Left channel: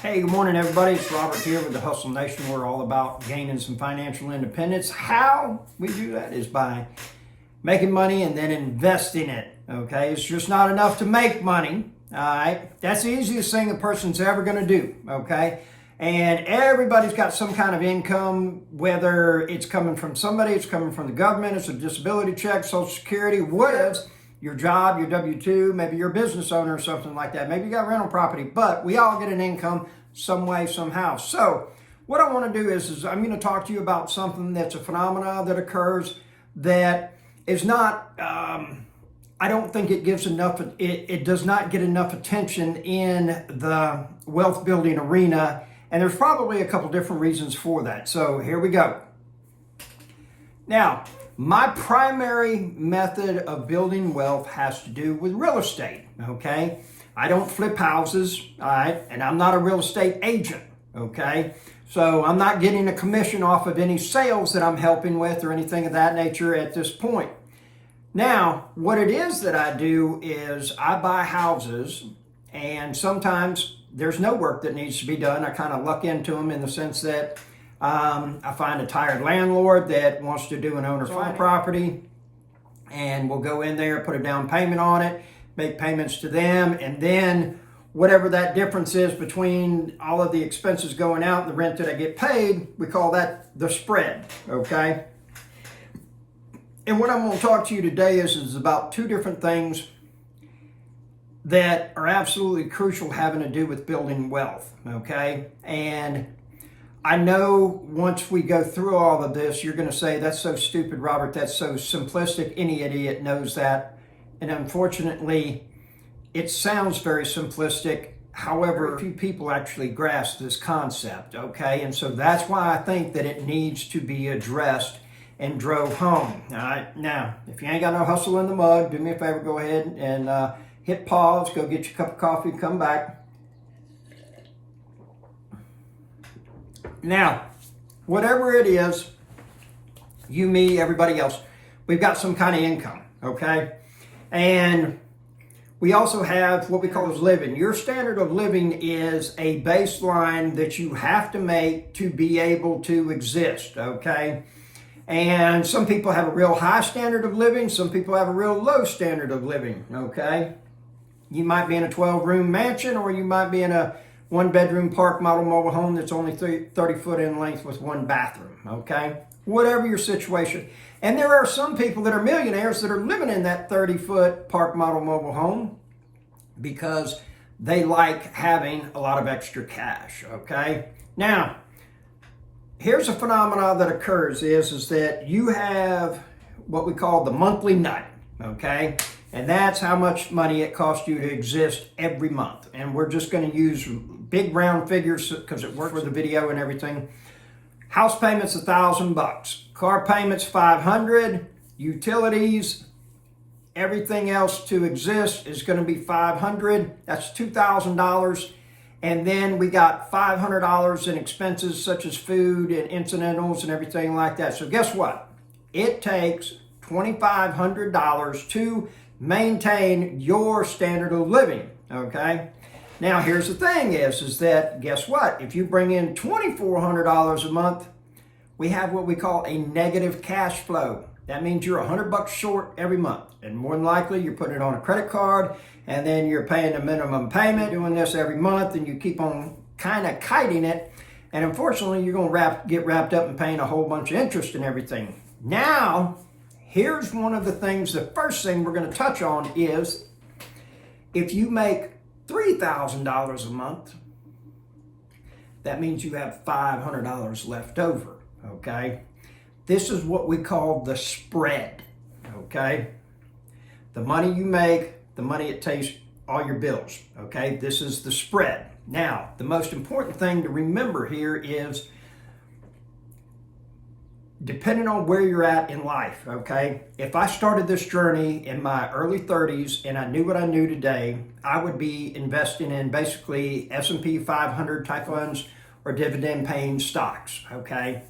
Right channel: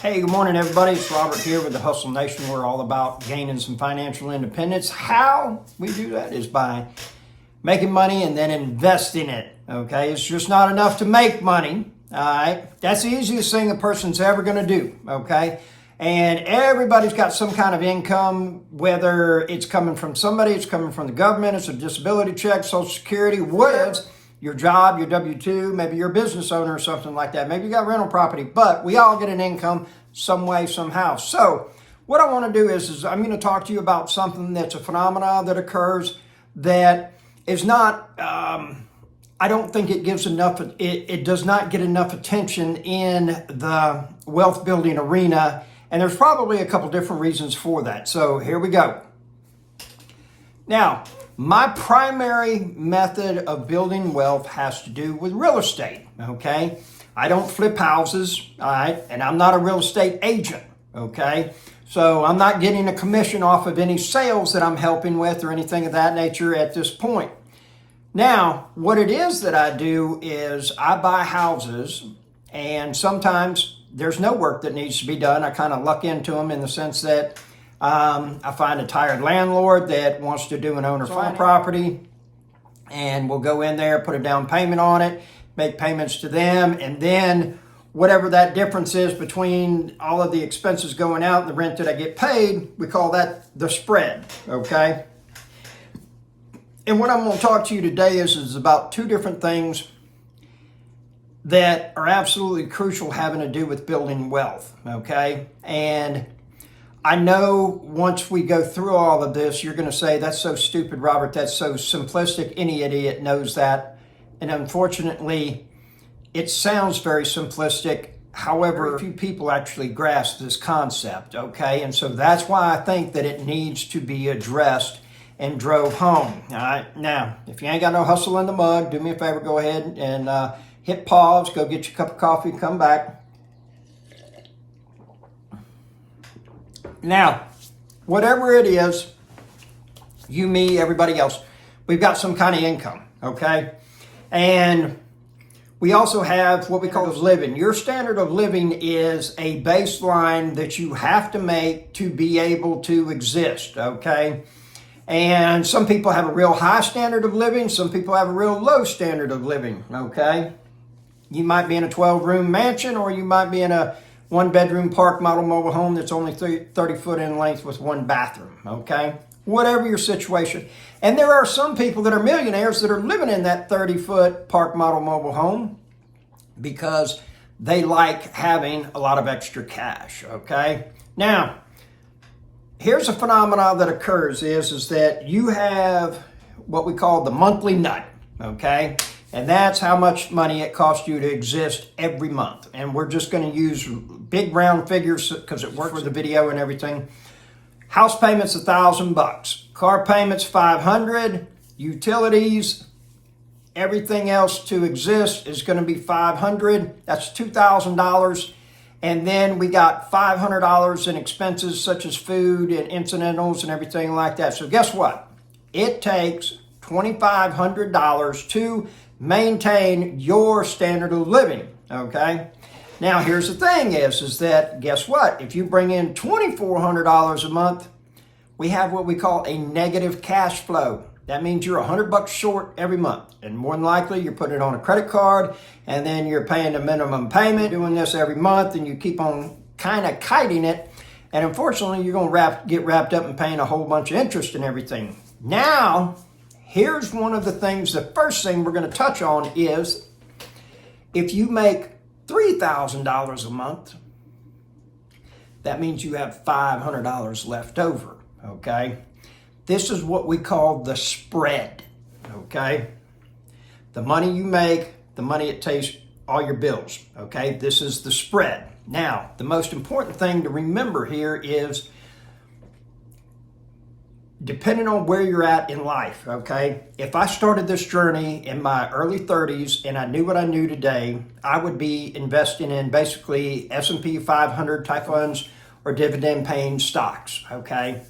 Hey, good morning, everybody. It's Robert here with the Hustle Nation. We're all about gaining some financial independence. How we do that is by making money and then investing it. Okay, it's just not enough to make money. All right, that's the easiest thing a person's ever going to do. Okay, and everybody's got some kind of income, whether it's coming from somebody, it's coming from the government, it's a disability check, Social Security, whatever. Your job, your W-2, maybe you're a business owner or something like that. Maybe you got rental property, but we all get an income some way, somehow. So what I want to do is I'm going to talk to you about something that's a phenomenon that occurs that is not, I don't think it gives enough, it does not get enough attention in the wealth building arena. And there's probably a couple different reasons for that. So here we go. Now, my primary method of building wealth has to do with real estate, okay? I don't flip houses, all right? And I'm not a real estate agent, okay? So I'm not getting a commission off of any sales that I'm helping with or anything of that nature at this point. Now, what it is that I do is I buy houses, and sometimes there's no work that needs to be done. I kind of luck into them in the sense that I find a tired landlord that wants to do an owner-finance property, and we'll go in there, put a down payment on it, make payments to them, and then whatever that difference is between all of the expenses going out and the rent that I get paid, we call that the spread, okay? And what I'm going to talk to you today is about two different things that are absolutely crucial having to do with building wealth, okay? And I know once we go through all of this, you're going to say, that's so stupid, Robert, that's so simplistic. Any idiot knows that. And unfortunately, it sounds very simplistic. However, a few people actually grasp this concept, okay? And so that's why I think that it needs to be addressed and drove home, all right? Now, if you ain't got no hustle in the mug, do me a favor, go ahead and hit pause, go get your cup of coffee, come back. Now, whatever it is, you, me, everybody else, we've got some kind of income, okay? And we also have what we call living. Your standard of living is a baseline that you have to make to be able to exist, okay? And some people have a real high standard of living. Some people have a real low standard of living, okay? You might be in a 12-room mansion, or you might be in a one-bedroom park model mobile home that's only 30 foot in length with one bathroom, okay? Whatever your situation. And there are some people that are millionaires that are living in that 30-foot park model mobile home because they like having a lot of extra cash, okay? Now, here's a phenomenon that occurs is that you have what we call the monthly nut, okay? And that's how much money it costs you to exist every month. And we're just going to use big round figures because it works for the video and everything. House payments, $1,000. Car payments, $500. Utilities, everything else to exist is going to be $500. That's $2,000. And then we got $500 in expenses such as food and incidentals and everything like that. So guess what? It takes $2,500 to maintain your standard of living, okay? Now, here's the thing is that, guess what? If you bring in $2,400 a month, we have what we call a negative cash flow. That means you're $100 short every month. And more than likely, you're putting it on a credit card, and then you're paying a minimum payment, doing this every month, and you keep on kind of kiting it. And unfortunately, you're going to get wrapped up in paying a whole bunch of interest and everything. Now, here's one of the things, the first thing we're going to touch on is if you make $3,000 a month, that means you have $500 left over, okay? This is what we call the spread, okay? The money you make, the money it takes, all your bills, okay? This is the spread. Now, the most important thing to remember here is depending on where you're at in life, okay? If I started this journey in my early 30s and I knew what I knew today, I would be investing in basically S&P 500 type funds or dividend paying stocks, okay?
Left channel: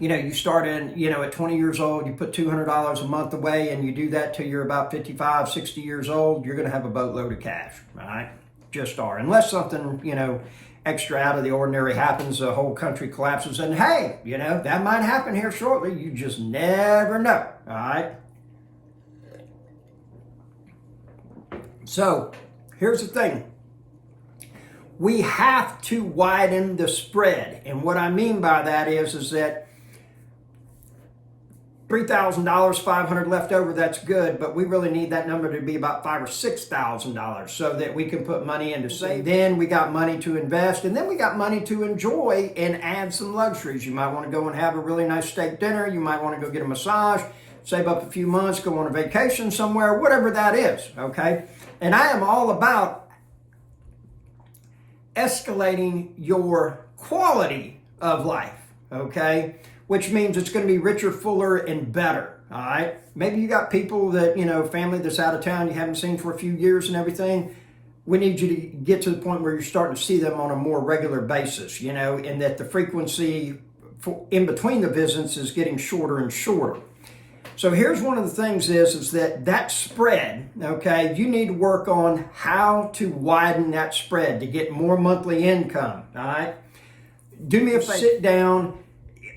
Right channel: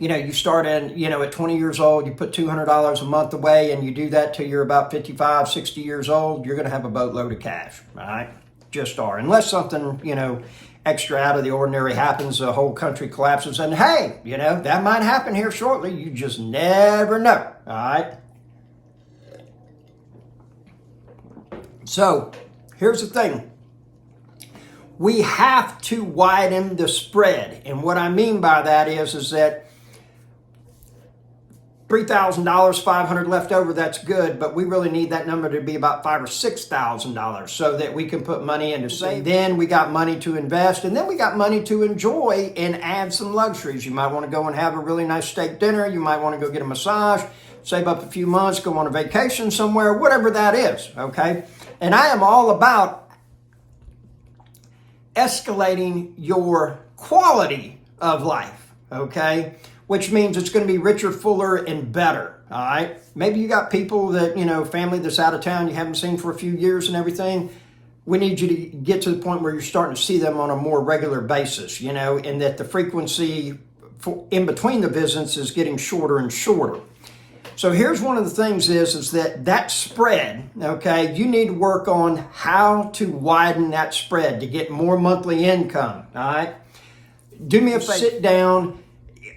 You know, you start in, at 20 years old, you put $200 a month away and you do that till you're about 55, 60 years old, you're going to have a boatload of cash, all right? just are. Unless something, extra out of the ordinary happens, the whole country collapses, and hey, that might happen here shortly. You just never know, all right? So, here's the thing. We have to widen the spread. And what I mean by that is that $3,000, $500 left over, that's good, but we really need that number to be about $5,000 or $6,000 so that we can put money into savings. Then we got money to invest, and then we got money to enjoy and add some luxuries. You might want to go and have a really nice steak dinner. You might want to go get a massage, save up a few months, go on a vacation somewhere, whatever that is, okay? And I am all about escalating your quality of life, okay? Which means it's going to be richer, fuller, and better, all right? Maybe you got people that, family that's out of town you haven't seen for a few years and everything. We need you to get to the point where you're starting to see them on a more regular basis, and that the frequency in between the visits is getting shorter and shorter. So here's one of the things is that spread, okay, you need to work on how to widen that spread to get more monthly income, all right? Do me a favor, sit down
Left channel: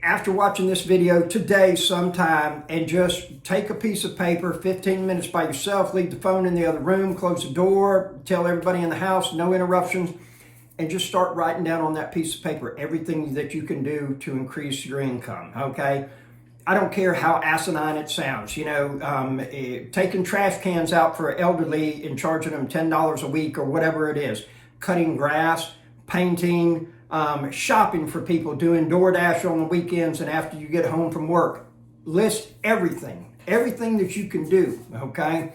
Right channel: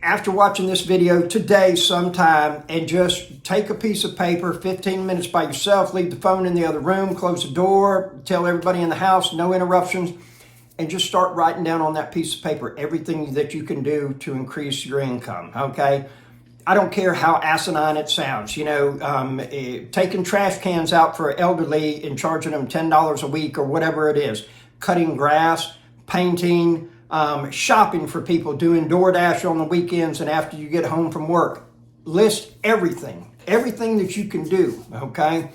after watching this video today sometime and just take a piece of paper, 15 minutes by yourself, leave the phone in the other room, close the door, tell everybody in the house, no interruptions, and just start writing down on that piece of paper everything that you can do to increase your income, okay? I don't care how asinine it sounds, taking trash cans out for elderly and charging them $10 a week or whatever it is, cutting grass, painting, shopping for people, doing DoorDash on the weekends and after you get home from work. List everything that you can do, okay?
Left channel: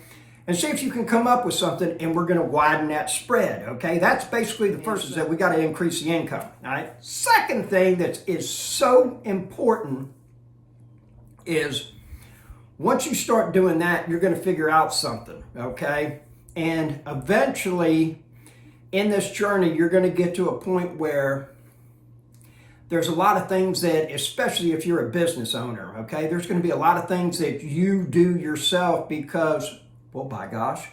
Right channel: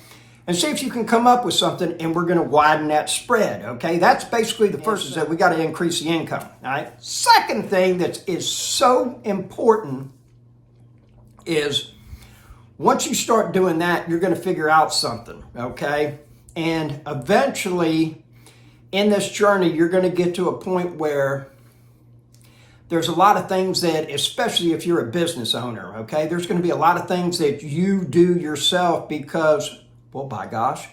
And see if you can come up with something, and we're going to widen that spread, okay? That's basically the first, is that we got to increase the income, all right? Second thing that is so important is once you start doing that, you're going to figure out something, okay? And eventually, in this journey, you're going to get to a point where there's a lot of things that, especially if you're a business owner, okay, there's going to be a lot of things that you do yourself because, well, by gosh,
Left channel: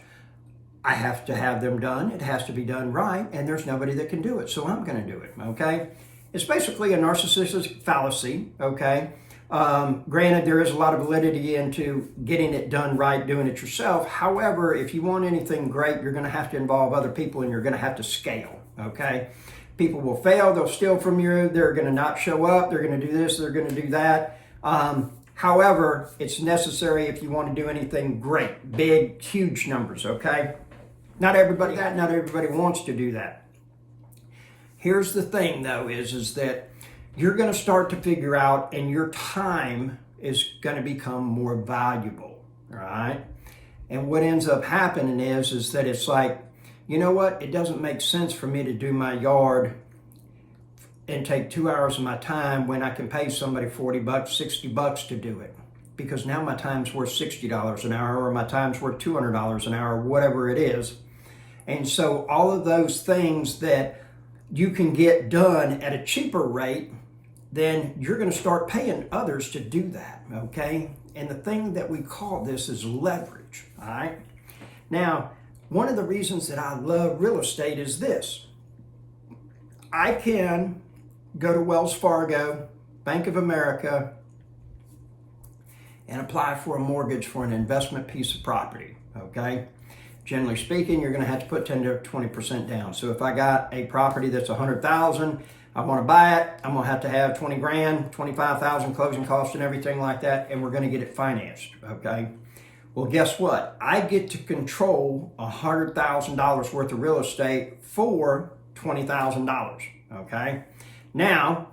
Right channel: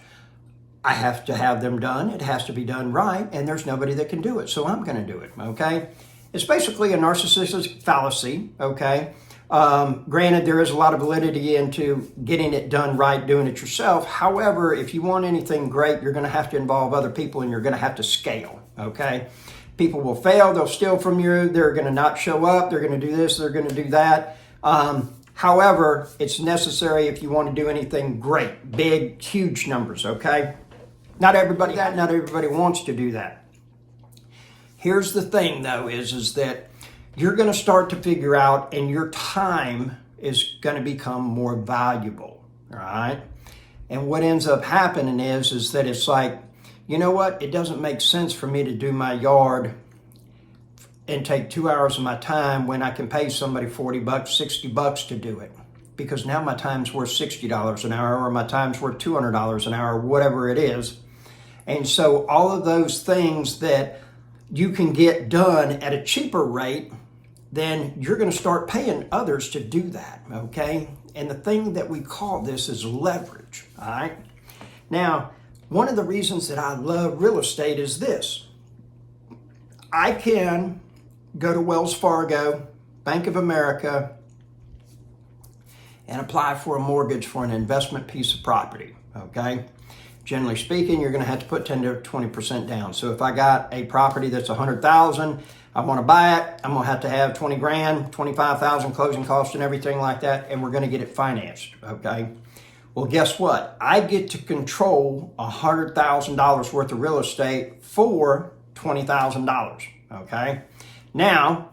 I have to have them done. It has to be done right, and there's nobody that can do it, so I'm going to do it, okay? It's basically a narcissistic fallacy, okay? Granted, there is a lot of validity into getting it done right, doing it yourself. However, if you want anything great, you're going to have to involve other people, and you're going to have to scale, okay? People will fail. They'll steal from you. They're going to not show up. They're going to do this. They're going to do that. However, it's necessary if you want to do anything great, big, huge numbers, okay? Not everybody wants to do that. Here's the thing, though, is that you're going to start to figure out, and your time is going to become more valuable, all right? And what ends up happening is that it's like, you know what? It doesn't make sense for me to do my yard and take 2 hours of my time when I can pay somebody $40, $60 to do it. Because now my time's worth $60 an hour, or my time's worth $200 an hour, whatever it is. And so all of those things that you can get done at a cheaper rate, then you're going to start paying others to do that, okay? And the thing that we call this is leverage, all right? Now, one of the reasons that I love real estate is this. I can go to Wells Fargo, Bank of America, and apply for a mortgage for an investment piece of property, okay? Generally speaking, you're going to have to put 10 to 20% down. So if I got a property that's $100,000, I want to buy it, I'm going to have 20 grand, 25,000 closing costs and everything like that, and we're going to get it financed, okay? Well, guess what? I get to control $100,000 worth of real estate for $20,000, okay? Now,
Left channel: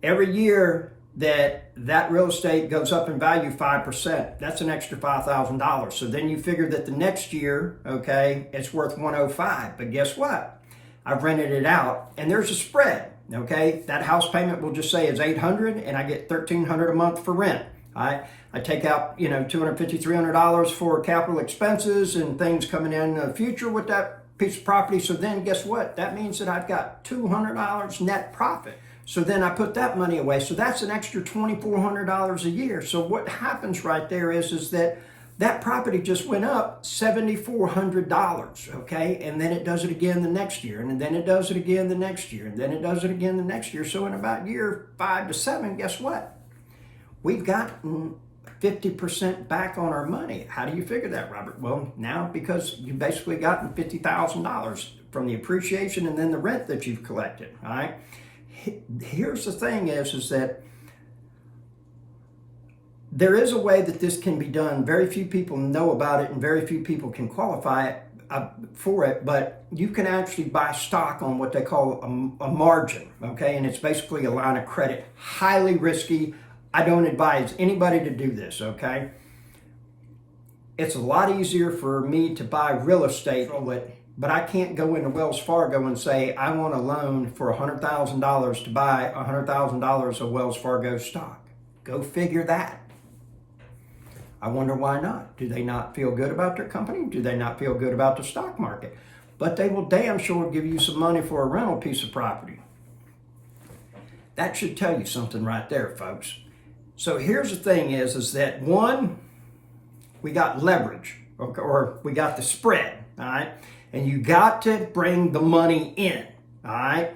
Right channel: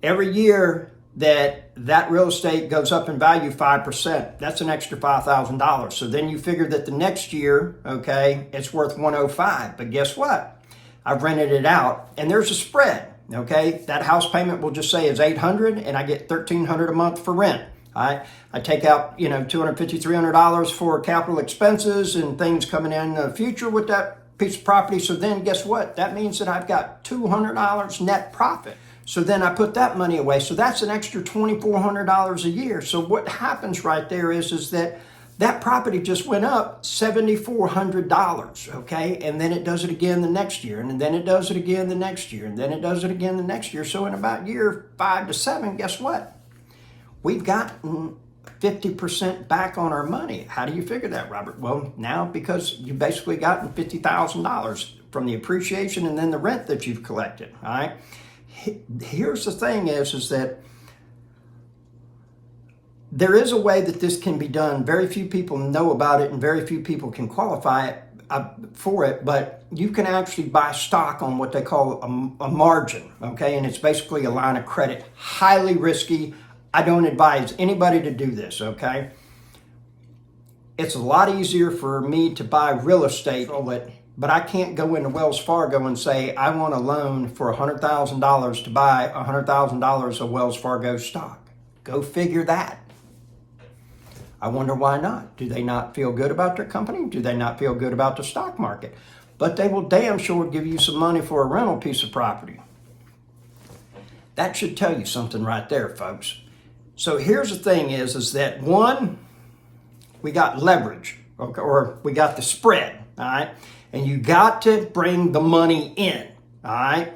every year that real estate goes up in value 5%, that's an extra $5,000. So then you figure that the next year, okay, it's worth 105. But guess what? I've rented it out, and there's a spread. Okay, that house payment will just say is $800, and I get $1,300 a month for rent. I take out $250, $300 for capital expenses and things coming in the future with that piece of property. So then guess what? That means that I've got $200 net profit. So then I put that money away. So that's an extra $2,400 a year. So what happens right there is that that property just went up $7,400, okay? And then it does it again the next year, and then it does it again the next year, and then it does it again the next year. So in about year 5 to 7, guess what? We've gotten 50% back on our money. How do you figure that, Robert? Well, now because you've basically gotten $50,000 from the appreciation and then the rent that you've collected, all right? Here's the thing is that there is a way that this can be done. Very few people know about it and very few people can qualify for it, but you can actually buy stock on what they call a margin, okay? And it's basically a line of credit. Highly risky. I don't advise anybody to do this, okay? It's a lot easier for me to buy real estate, but I can't go into Wells Fargo and say, I want a loan for $100,000 to buy $100,000 of Wells Fargo stock. Go figure that. I wonder why not. Do they not feel good about their company? Do they not feel good about the stock market? But they will damn sure give you some money for a rental piece of property. That should tell you something right there, folks. So here's the thing is that one, we got leverage, okay, or we got the spread, all right? And you got to bring the money in, all right?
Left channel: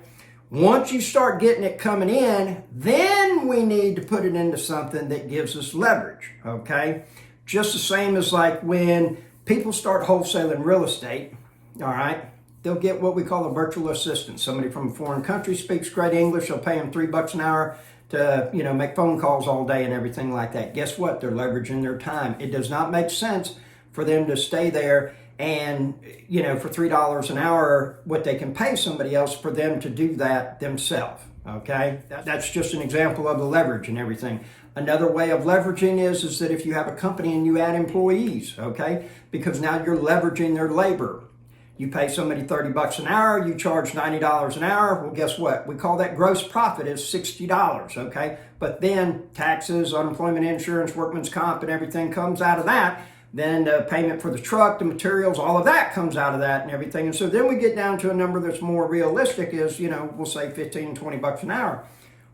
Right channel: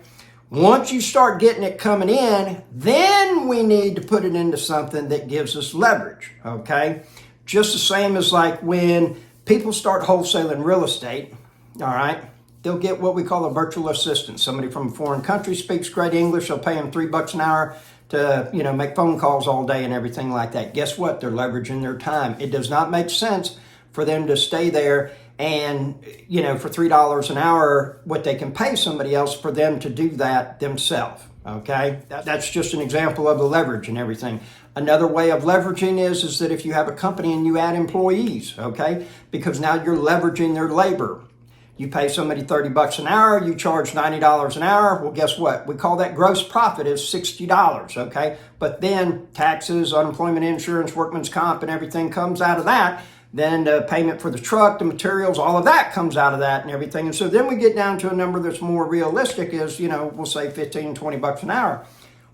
Once you start getting it coming in, then we need to put it into something that gives us leverage, okay? Just the same as like when people start wholesaling real estate, all right? They'll get what we call a virtual assistant. Somebody from a foreign country speaks great English. They'll pay them $3 an hour to, make phone calls all day and everything like that. Guess what? They're leveraging their time. It does not make sense for them to stay there and, for $3 an hour, what they can pay somebody else for them to do that themselves, okay? That's just an example of the leverage and everything. Another way of leveraging is that if you have a company and you add employees, okay? Because now you're leveraging their labor. You pay somebody $30 an hour, you charge $90 an hour. Well, guess what? We call that gross profit is $60, okay? But then taxes, unemployment insurance, workman's comp, and everything comes out of that. Then the payment for the truck, the materials, all of that comes out of that and everything. And so then we get down to a number that's more realistic is, we'll say 15, $20 an hour.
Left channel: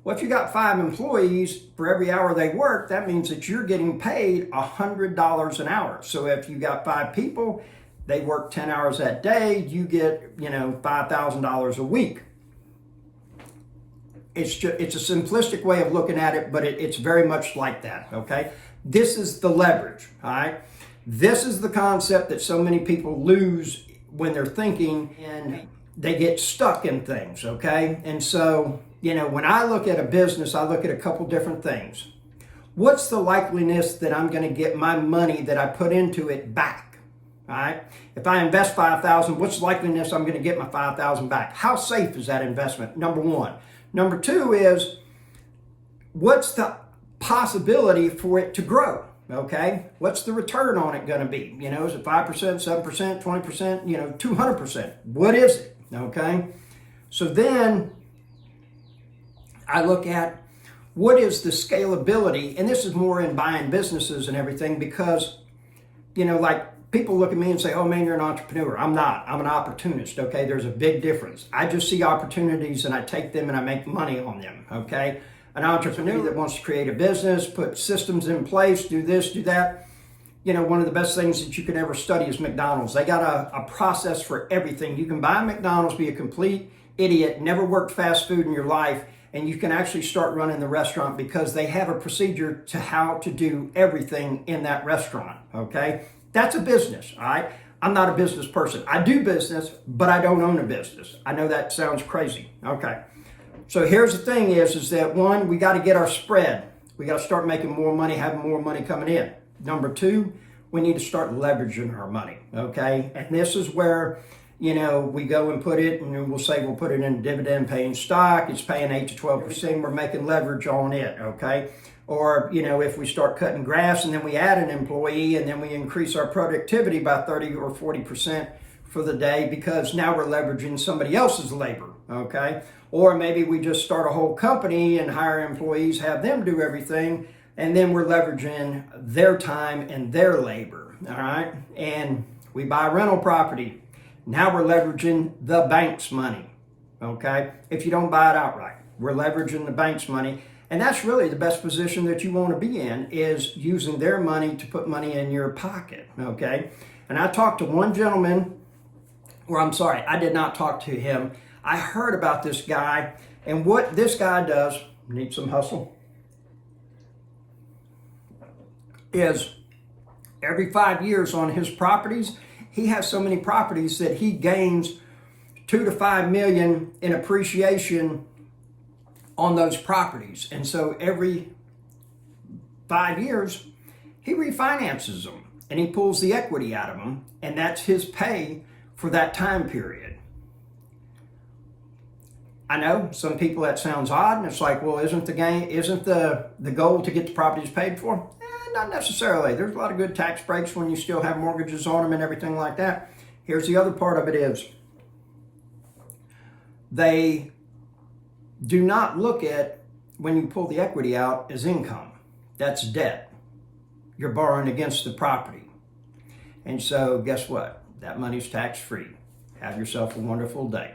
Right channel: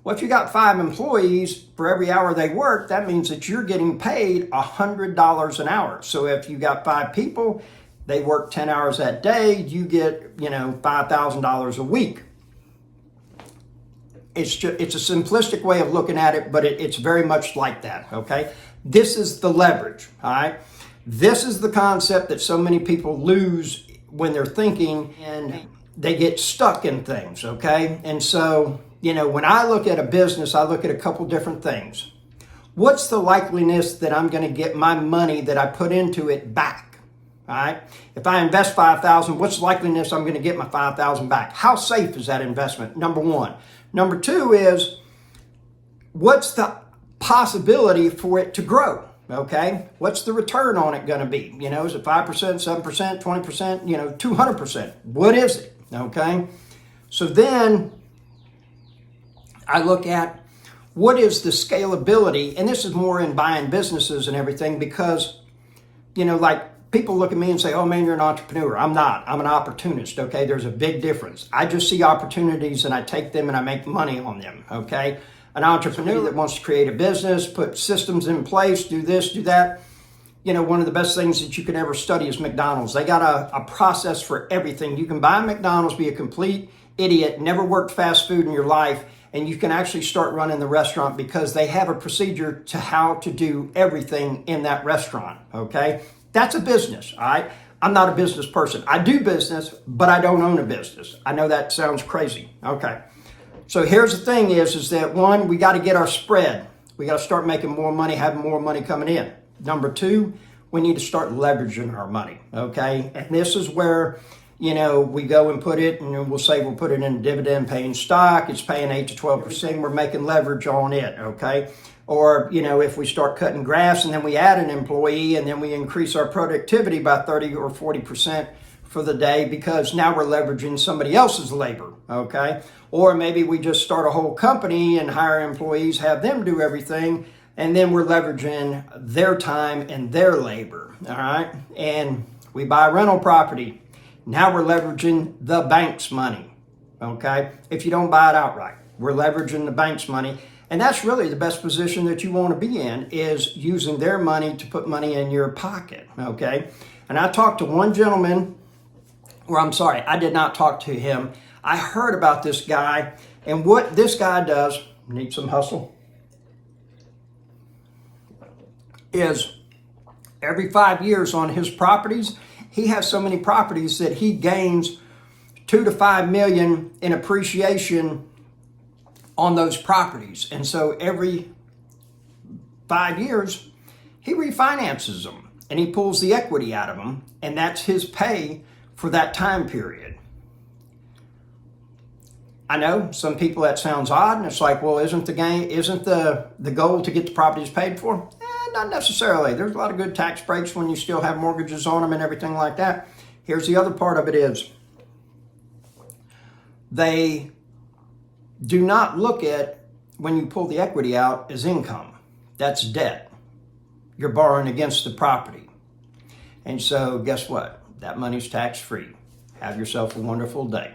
Well, if you got 5 employees, for every hour they work, that means that you're getting paid $100 an hour. So if you got 5 people, they work 10 hours that day, you get, $5,000 a week. It's a simplistic way of looking at it, but it's very much like that, okay? This is the leverage, all right? This is the concept that so many people lose when they're thinking and they get stuck in things, okay? And so, when I look at a business, I look at a couple different things. What's the likeliness that I'm going to get my money that I put into it back? All right. If I invest $5,000, what's the likeliness I'm going to get my $5,000 back? How safe is that investment? Number one. Number two is what's the possibility for it to grow? Okay. What's the return on it going to be? Is it 5%, 7%, 20%, 200%? What is it? Okay. So then I look at what is the scalability, and this is more in buying businesses and everything because, people look at me and say, oh man, you're an entrepreneur. I'm not. I'm an opportunist, okay? There's a big difference. I just see opportunities and I take them and I make money on them, okay? An entrepreneur that wants to create a business, put systems in place, do this, do that. One of the best things that you could ever study is McDonald's. They got a process for everything. You can buy McDonald's, be a complete idiot, never worked fast food in your life, and you can actually start running the restaurant because they have a procedure to how to do everything in that restaurant, okay? That's a business, all right? I'm not a business person. I do business, but I don't own a business. I know that sounds crazy. Okay. So here's the thing is that one, we got to get our spread. We got to start making more money, having more money coming in. Number two, we need to start leveraging our money, okay? And this is where, we go and put it, and we'll say we'll put it in dividend paying stock. It's paying 8 to 12%. We're making leverage on it, okay? Or, if we start cutting grass and then we add an employee and then we increase our productivity by 30 or 40% for the day because now we're leveraging somebody else's labor, okay? Or maybe we just start a whole company and hire employees, have them do everything, and then we're leveraging their time and their labor, all right? And we buy rental property. Now we're leveraging the bank's money, okay? If you don't buy it outright, we're leveraging the bank's money. And that's really the best position that you want to be in, is using their money to put money in your pocket, okay? And I talked to one gentleman, or I'm sorry, I did not talk to him. I heard about this guy, and what this guy does, need some hustle, is every 5 years on his properties, he has so many properties that he gains 2 to 5 million in appreciation on those properties. And so every 5 years, he refinances them and he pulls the equity out of them, and that's his pay for that time period. I know some people that sounds odd, and it's like, well, isn't the goal to get the properties paid for? Not necessarily. There's a lot of good tax breaks when you still have mortgages on them and everything like that. Here's the other part of it is, they do not look at, when you pull the equity out, as income. That's debt. You're borrowing against the property. And so guess what? That money's tax-free. Have yourself a wonderful day.